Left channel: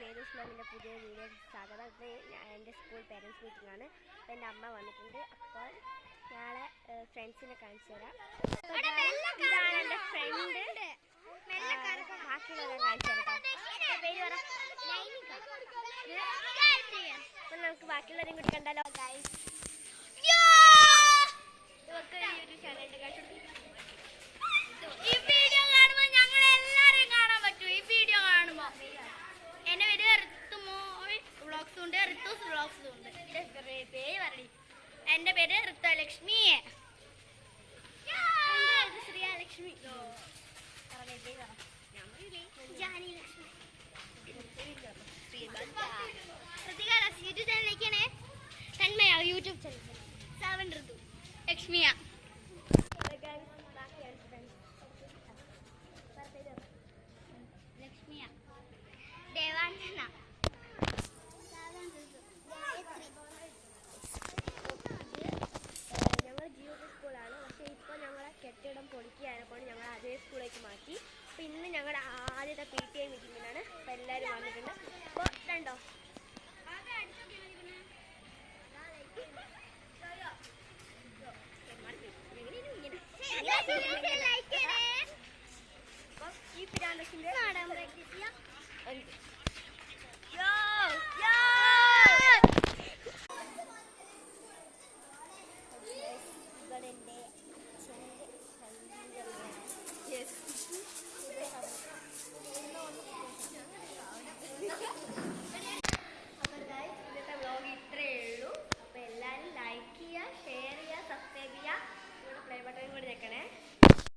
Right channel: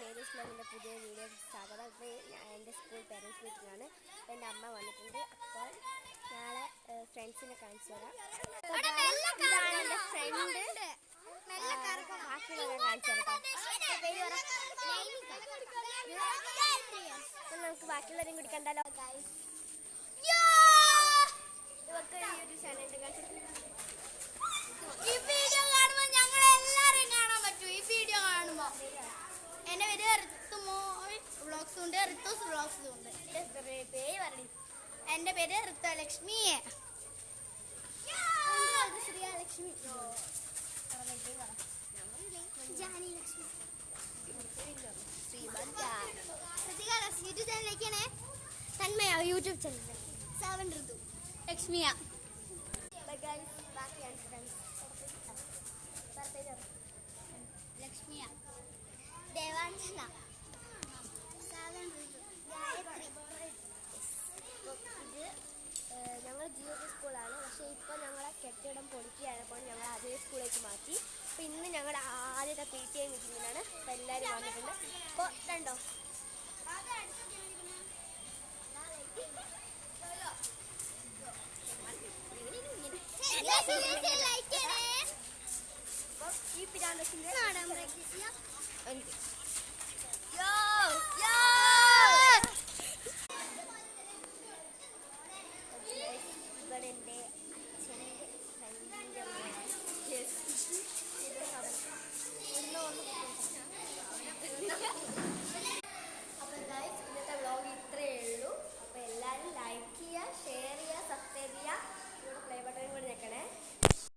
എല്ലാവർക്കും നേരീസ് വ്ലോഗിൻ്റെ പുതിയ വീഡിയോ സ്വാഗതം. ഇപ്പോൾ എൻ്റെ സ്കൂൾ പേരൻസ് മീറ്റിംഗ് ആണ്. അപ്പോൾ എൻ്റെ അമ്മ വന്നിട്ടുണ്ട്. അപ്പോൾ നാളെ ഫ്രണ്ട്സിനെ കാണിച്ചു തരാം. ഇതാണ് എൻ്റെ ഫ്രണ്ട്. ബാക്കിയുള്ളവരെ കാണിച്ചു തരാം. പേര് പറ. അപ്പോൾ നമുക്ക് ബാക്കിയുള്ളവരെയും കൂടി കണ്ടാലോ. ഇവർക്ക് യൂട്യൂബ് ചാനലുണ്ട്. ഈ വീഡിയോ കാണുമ്പോൾ ഞങ്ങൾ എല്ലാവരും കാണാൻ പറ്റും. ഈ വീഡിയോ കാണുമ്പോൾ എൻ്റെ പേര് ഋത്തുമോൾ വ്ളോഗ്സും ഉണ്ട്, ഋത്തൂസ് വ്ളോഗ്സും ഉണ്ട്. പേര് പറയണി. എൻ്റെ പേര് ഋത്തലക്ഷ്മി. ശ്രീലക്ഷ്മി. ജാനിലക്ഷ്മി. യൂട്യൂബ് ചാനലിലേക്കാണ്. Thanmaya YouTube channel. 7 ഋതു ലക്ഷ്മിയ. ബാക്കിയാണ് ഫ്രണ്ട്സ്. ലക്ഷ്മിയ, ദേവാഞ്ജന, ഞങ്ങൾ ജിയോ സ്കൂളാണ്. പക്ഷേ ഇപ്പോൾ ഞങ്ങളെ കെട്ടിടം പൊളിക്കുകയായപ്പോൾ ഞങ്ങൾ അതേ സ്കൂളിലേക്ക് മാറ്റി. അപ്പോൾ ഇന്ന് ഞങ്ങളുടെ ആദ്യത്തെ PTA മീറ്റിങ്ങിനാണ്. അപ്പോൾ എല്ലാവരും വന്നിട്ടുണ്ട്. അപ്പോൾ രണ്ടോ അപ്പോൾ ഈ പിരാന്തസിൻ്റെ